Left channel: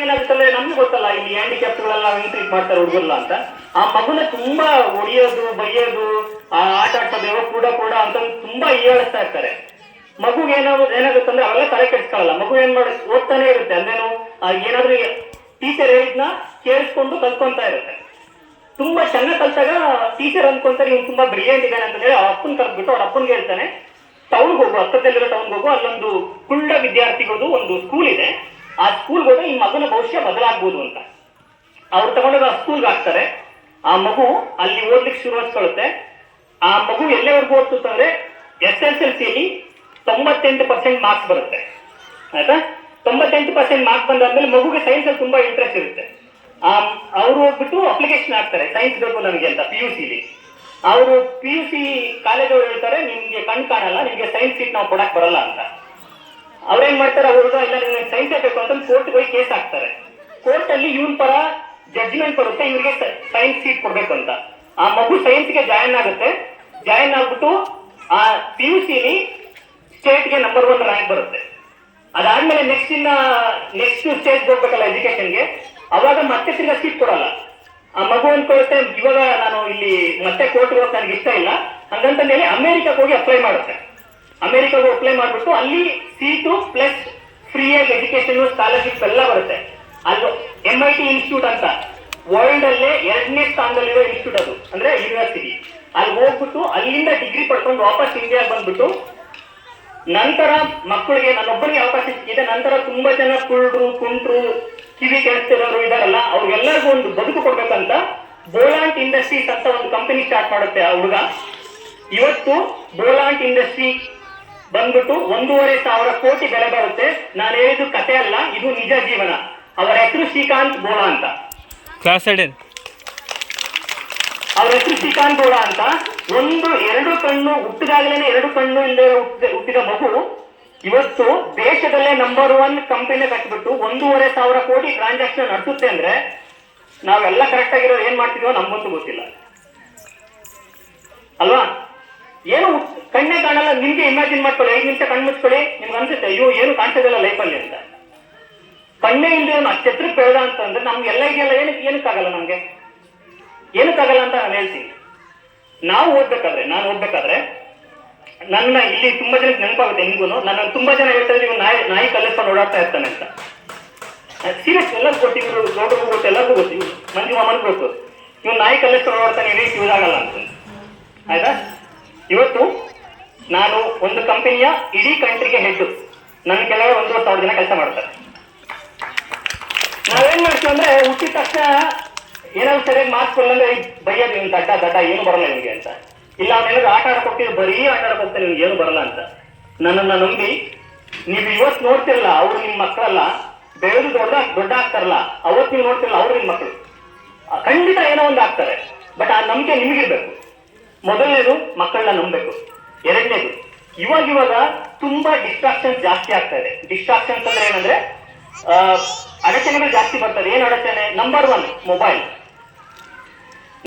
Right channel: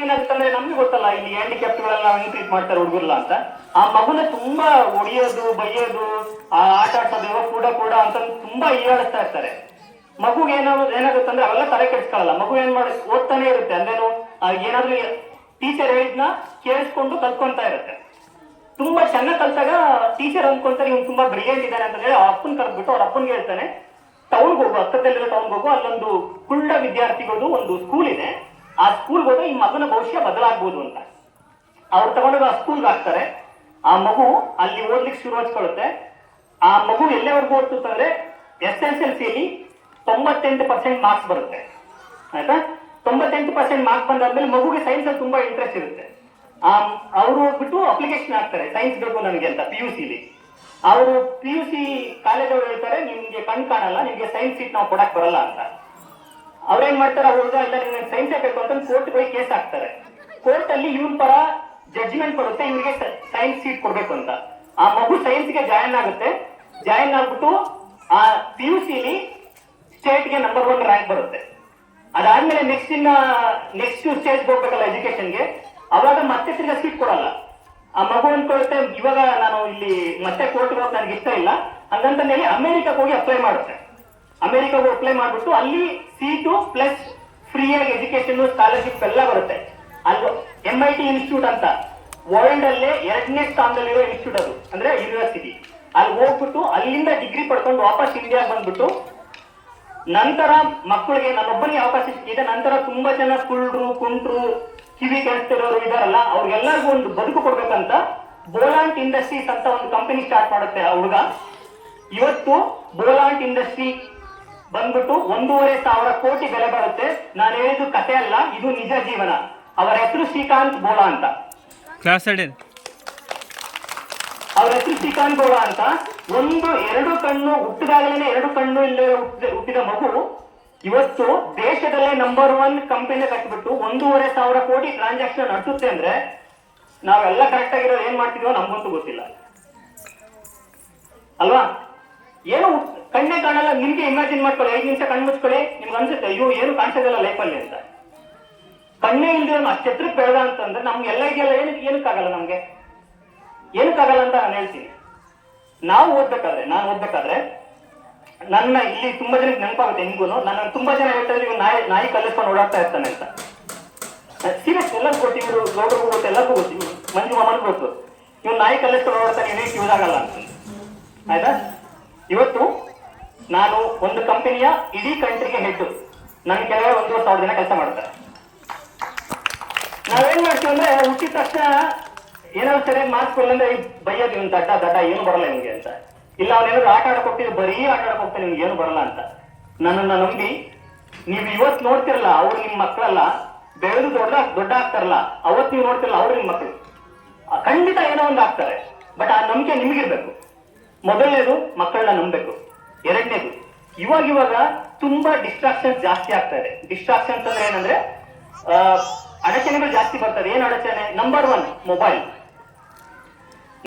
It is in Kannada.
ಏನಾಗುತ್ತಂದ್ರೆ ನಮ್ಗೆ ಗೊತ್ತಲ್ಲ ಇಲ್ಲಿ ಹ್ಯಾಂಡಿಕ್ಯಾಪ್ಟ್ಗಳೆಲ್ಲ ಹೆಂಗ್ ಟ್ರೀಟ್ ಮಾಡ್ತಾರೆ ಹುಡುಗರಲ್ಲ ಅಂತ. ಆ ಮಗುನ ತುಂಬಾ ಹೊಡಿಯೋದು ಬೈಯೋದು ಆ ಆಟ ಆಡ್ಸೋದು ಕೂಡ ಅಂತ ತುಂಬಾ ಹೀಯಾಳಿಸ್ತಾ ಇರ್ತಾರೆ. ಮಗುಗೆ ಏನಾಗುತ್ತಂದ್ರೆ ಅವೆಲ್ಲ ತಲೆ ಕೆಡಿಸ್ಕೊಳ್ಳಲ್ಲ. ಮಗು ಏನ್ ಮಾಡಿ ಓದ್ತಾನೆ ಇರುತ್ತೆ. ಅಂದ್ರೇನು ಏನಾದ್ರೂ ಟೀಚರ್ ಹೇಳಿದ್ನ ಕೇಳಿಸ್ಕೊಂಡು ಕಲ್ತ್ಕೊಂತಾ ಇರುತ್ತೆ. ತುಂಬಾ ಚೆನ್ನಾಗಿ ಕಲ್ತಾಗ ಟೀಚರ್ ಅನ್ಕೊಂತಾರೆ ಇವ್ನು ತುಂಬಾ ಬ್ರಿಲಿಯಂಟ್ ಇದ್ದಾನೆ ಅಂತ ಹೇಳಿ ಅಪ್ಪನ್ ಕರೆದ್ಬಿಟ್ಟು ಅವ್ರ ಅಪ್ಪನ್ಗೆ ಹೇಳ್ತಾನೆ, ಟೌನ್ಗೆ ಹೋಗು, ಹತ್ತದಲ್ಲಿರೋ ಟೌನ್ಗೆ ಹೋಗು, ಅಲ್ಲೊಂದು ಕುಳ್ಳ ವಿದ್ಯಾರ್ಥಿಗಳದು ಒಂದು ಸ್ಕೂಲ್ ಇದೆ, ಆ ಸ್ಕೂಲ್ಗೆ ಹೋದ್ರೆ ಈ ಮಗನ ಭವಿಷ್ಯ ಬದಲಾಗ್ಬೋದು ಅಂತ. ಅವ್ರು ತಗೊಂಡೋಗ ಆ ಸ್ಕೂಲ್ಗೆ ಹಾಕ್ತಾರೆ. ಆ ಮಗು ಅಲ್ಲಿ ಓದ್ಲಿಕ್ಕೆ ಶುರುವಾಗ್ಕೊಳ್ಳುತ್ತೆ. ಆ ಮಗು ಎಲ್ಲೆವರೆಗೂ ಓದ್ತಂದ್ರೆ SSLCಯಲ್ಲಿ 98% ಮಾರ್ಕ್ಸ್ ಬರುತ್ತೆ. ಆಯ್ತಾ? 98% ಮಾರ್ಕ್ಸ್ ಬಂದಾದ್ಮೇಲೆ ಮಗುಗೆ ಸೈನ್ಸ್ ಅಲ್ಲಿ ತುಂಬಾ ಇಂಟ್ರೆಸ್ಟ್ ಇರುತ್ತೆ. ಅವರು ಹೋಗ್ಬಿಟ್ಟು ಅಪ್ಲಿಕೇಶನ್ ಹಾಕ್ತಾರೆ, ಸೈನ್ಸ್ ಬೇಕು ನನಗೆ ಅಂತ. PUCಲಿ ಅವರು PUC ಕಾಲೇಜವ್ರು ಹೇಳ್ತಾರೆ, ನಿಮ್ಗೆ ಕಣ್ ಕಾಣಲ್ಲ, ನಿಮ್ಗೆ ಸೈನ್ಸ್ ಸೀಟ್ ನಾವು ಕೊಡಕ್ ಬರಲ್ಲ ಅಂತ. ಅವ್ರೇನ್ ಮಾಡ್ತಾರೆ, ಅವ್ರಿಗೆ ಇಲ್ಲ ನಿಮ್ಗೆ ಸೈನ್ಸೇ ಬೇಕು ಅಂತ ಕೋರ್ಟ್ಗೆ ಹೋಗಿ ಕೇಸ್ ಹಾಕ್ತಾರೆ. ಕೋರ್ಟ್ ಅಲ್ಲಿ ಇವನ್ ಪರ ಜಡ್ಜ್ಮೆಂಟ್ ಬರುತ್ತೆ, ಇವ್ರಿಗೆ ಸೈನ್ಸ್ ಸೀಟ್ ಕೊಡ್ಬೇಕು ಅಂತ. ಆ ಮಗು ಸೈನ್ಸ್ಗೆ ಜಾಯಿನ್ ಆಗುತ್ತೆ. ಜಾಯಿನ್ ಆಗ್ಬಿಟ್ಟು ಆ PUCಲಿ ಸ್ಟೇಟ್ಗೆ ನಂಬರ್ 1 ರ್ಯಾಂಕ್ ಬರುತ್ತೆ. ಅದಾದ್ಮೇಲೆ ನೆಕ್ಸ್ಟ್ ಸ್ಟೇಜ್ ಹೋಗ್ಬೇಕಲ್ಲ ಎಜುಕೇಶನ್ಗೆ, ಅವಾಗ ಮತ್ತೆ ತಿರ್ಗಾ ಸೀಟ್ ಕೊಡಲ್ಲ. ಆ ಮಗು ಅನ್ಕೊಳುತ್ತೆ, ಇವಾಗ ನಾನು ಇಲ್ಲಿ ಮತ್ತೆ ಕೋರ್ಟ್ಗೆ ಹೋಗಿ ನನಗೆ ಇಷ್ಟ ಇಲ್ಲ ಹಂಗಂತ ಹೇಳಿ ಅಮೆರಿಕಕ್ಕೆ ಹೋಗಿ ಅಪ್ಲೈ ಮಾಡುತ್ತೆ. ಅಮೆರಿಕಾಗೆ ಅಪ್ಲೈ ಮಾಡ್ಬಿಟ್ಟು ಅಲ್ಲಿ ಸೀಟು ಪ್ಲಸ್ ಫ್ರೀಯಾಗಿ ಎಜುಕೇಶನ್ ಸ್ಕಾಲರ್ಶಿಪ್ ಎಲ್ಲ ಬರುತ್ತೆ. ಅಲ್ಲಿ MIT ಇನ್ಸ್ಟಿಟ್ಯೂಟ್ ಅಂತ ವರ್ಲ್ಡ್ ಅಲ್ಲೇ 2ನೇ ಸ್ಥಾನದಲ್ಲಿರೋ ಇನ್ಸ್ಟಿಟ್ಯೂಟ್, ಅದು ಅಂದ್ರೆ ಯೂನಿವರ್ಸಿಟಿ. ಅಲ್ಲಿ ಹೋಗ್ಬಿಟ್ಟು ಅಲ್ಲಿಂದ ಡಿಗ್ರಿ ಪಡ್ಕೊಂಡು ವಾಪಸ್ ಇಂಡಿಯಾಗೆ ಬಂದ್ಬಿಟ್ಟು ನಂತರ ಮಕ್ಕಳಿಗೆ ನನ್ನೊಬ್ಬನಿಗೆ ಅವಕಾಶ ಸಿಕ್ಕಿದೆ. ನಂತರ ತುಂಬಾ ಜನ ಕುಂಟ್ರು ಕಿವಿ ಕೇಳಿಸ್ತಿರೋರು ಇದಾರಲ್ಲ, ಅವ್ರಿಗೆಲ್ಲರಿಗೂ ಒಂದು ಬದುಕು ಕೊಡ್ಬೇಕಂತ ಬೋಲಾಂಟ್ ಇಂಡಸ್ಟ್ರೀಸ್ ಅಂತ ಒಂದು ಕಂಪನಿ ಸ್ಟಾರ್ಟ್ ಮಾಡುತ್ತೆ ಆ ಹುಡುಗ. ಇವತ್ತು ಬೋಲಾಂಟ್ ಇಂಡಸ್ಟ್ರಿ ಬಂದ್ಬಿಟ್ಟು 1,500 ಕೋಟಿ ಬೆಲೆ ಬರುತ್ತೆ. ನಾನು ಹೇಳಿದ್ದು ಕತೆ ಅಲ್ಲ, ಇದು ನಿಜ ಜೀವನ. ಅವರ ಹೆಸರು ಶ್ರೀಕಾಂತ್ ಬೋಳಾ ಅಂತ. ಅವ್ರ ಹೆಸರು ಶ್ರೀಕಾಂತ್ ಬೋಳಾ ಅಂತ. 2 ಕಣ್ಣು ಹುಟ್ಟಿದಾಗಲೇ 2 ಕಣ್ಣು ಇಲ್ಲದೆ ಹುಟ್ಟಿದ ಮಗು ಇವತ್ತು ದೇಶದಲ್ಲೇ ನಂಬರ್ 1 ಕಂಪನಿ ಕಟ್ಬಿಟ್ಟು 1,500 ಕೋಟಿ ಟ್ರಾನ್ಸಾಕ್ಷನ್ ನಡೆಸುತ್ತೆ ಅಂದ್ರೆ ನಾವೆಲ್ಲ ಕರೆಕ್ಟ್ ಆಗಿರೋದು ಏನ್ ಮಾಡ್ತಿದ್ವೋ ನಮ್ಗಂತೂ ಗೊತ್ತಿಲ್ಲ ಅಲ್ವಾ? ಏನು ಕಣ್ಣೇ ಕಾಣಲ್ಲ. ನಿಮ್ಗೆ ಇಮ್ಯಾಜಿನ್ ಮಾಡ್ಕೊಳ್ಳಿ, 5 ನಿಮಿಷ ಕಣ್ಣು ಮುಚ್ಕೊಳ್ಳಿ, ನಿಮ್ಗೆ ಅನ್ಸುತ್ತೆ ಅಯ್ಯೋ ಏನು ಕಾಣಿಸೋದಿಲ್ಲ ಲೈಫಲ್ಲಿ ಅಂತ. ಕಣ್ಣೇ ಇಲ್ಲದೆ ಅವ್ನು ಛತ್ರಕ್ಕೆ ಬೆಳೆದ ಅಂತಂದ್ರೆ ನಮ್ಗೆಲ್ಲ ಇದೆಯಲ್ಲ, ಏನಕ್ಕಾಗಲ್ಲ, ನಮ್ಗೆ ಏನಕ್ಕಾಗಲ್ಲ ಅಂತ ನಾನು ಹೇಳ್ತೀನಿ. ನಾನು ಓದ್ಬೇಕಾದ್ರೆ ನನ್ನ ಇಲ್ಲಿ ತುಂಬಾ ಜನಕ್ಕೆ ನೆನಪಾಗುತ್ತೆ, ನಿಮ್ಗೂ ನನ್ನ ತುಂಬಾ ಜನ ಹೇಳ್ತಾ ಇದ್ರು ನಾಯಿ ಕಲ್ಲಿಸ್ಕೊಂಡು ಓಡಾಡ್ತಾ ಇರ್ತಾನೆ ಅಂತ. ಸೀರಿಯಸ್, ಎಲ್ಲರಿಗೂ ಗೊತ್ತು, ಇವರು ಗೌಡ್ರಿಗೂ ಗೊತ್ತು, ಎಲ್ಲರಿಗೂ ಗೊತ್ತು, ಮಂಜು ಮಾಮನ್ಗೂ ಗೊತ್ತು, ಇವ್ನು ನಾಯಿ ಕಲ್ಲಿಸ್ಕೊಂಡು ಓಡಾಡ್ತಾನೆ, ಏನಕ್ಕೆ ಯೂಸ್ ಆಗಲ್ಲ ಅಂತ. ಆಯ್ತಾ? ಇವತ್ತು ನಾನು ಒಂದು ಕಂಪನಿಯ ಇಡೀ ಕಂಟ್ರಿಗೆ ಹೆಡ್, ನನ್ನ ಕೆಳಗೆ 1,000 ಜನ ಕೆಲಸ ಮಾಡ್ತಾರೆ. ನಾವೇನ್ ಮಾಡ್ತೀವಿ ಅಂದ್ರೆ ಹುಟ್ಟಿದ ತಕ್ಷಣ ಏನಾದ್ರು ಸರಿಯಾಗಿ ಮಾರ್ಕ್ಸ್ ಬಂದ್ರೆ ಬೈಯೋದು, ಇವ್ನು ದಡ್ಡ ಏನು ಬರಲ್ಲ ಇವ್ನಿಗೆ ಅಂತ. ಇಲ್ಲ ಅವ್ನೇನಾದ್ರು ಆಟ ಆಡಕ್ ಹೋಗ್ತೀವಿ, ಬರೀ ಆಟ ಆಡಕ್ ಹೋಗ್ತಾನೆ, ನಿಮ್ಗೆ ಏನು ಬರಲ್ಲ ಅಂತ. ನನ್ನನ್ನ ನಂಬಿ ನೀವು ಇವತ್ತು ನೋಡ್ತಿರಲ್ಲ, ಅವ್ರು ನಿಮ್ ಮಕ್ಕಳಲ್ಲ, ಬೆಳೆದು ದೊಡ್ಡ ಆಗ್ತಾರಲ್ಲ, ಅವತ್ತು ನೀವು ನೋಡ್ತಿರಲ್ಲ, ಅವ್ರು ನಿಮ್ ಮಕ್ಕಳು. ಖಂಡಿತ ಏನೋ ಒಂದು ಆಗ್ತಾರೆ. ಬಟ್ ಆ ನಂಬಿಕೆ ನಿಮಗಿರ್ಬೇಕು. ಮೊದಲನೇದು ಮಕ್ಕಳನ್ನ ನಂಬಬೇಕು. 2ನೇದು ಇವಾಗ ತುಂಬಾ ಡಿಸ್ಟ್ರಾಕ್ಷನ್ಸ್ ಜಾಸ್ತಿ ಆಗ್ತಾ ಇದೆ. ಡಿಸ್ಟ್ರಾಕ್ಷನ್ಸ್ ಅಂದ್ರೆ ಏನಂದ್ರೆ ಅಡಚಣೆಗಳು ಜಾಸ್ತಿ ಬರ್ತದೆ. ಏನು ಅಡಚಣೆ? Number 1 mobile.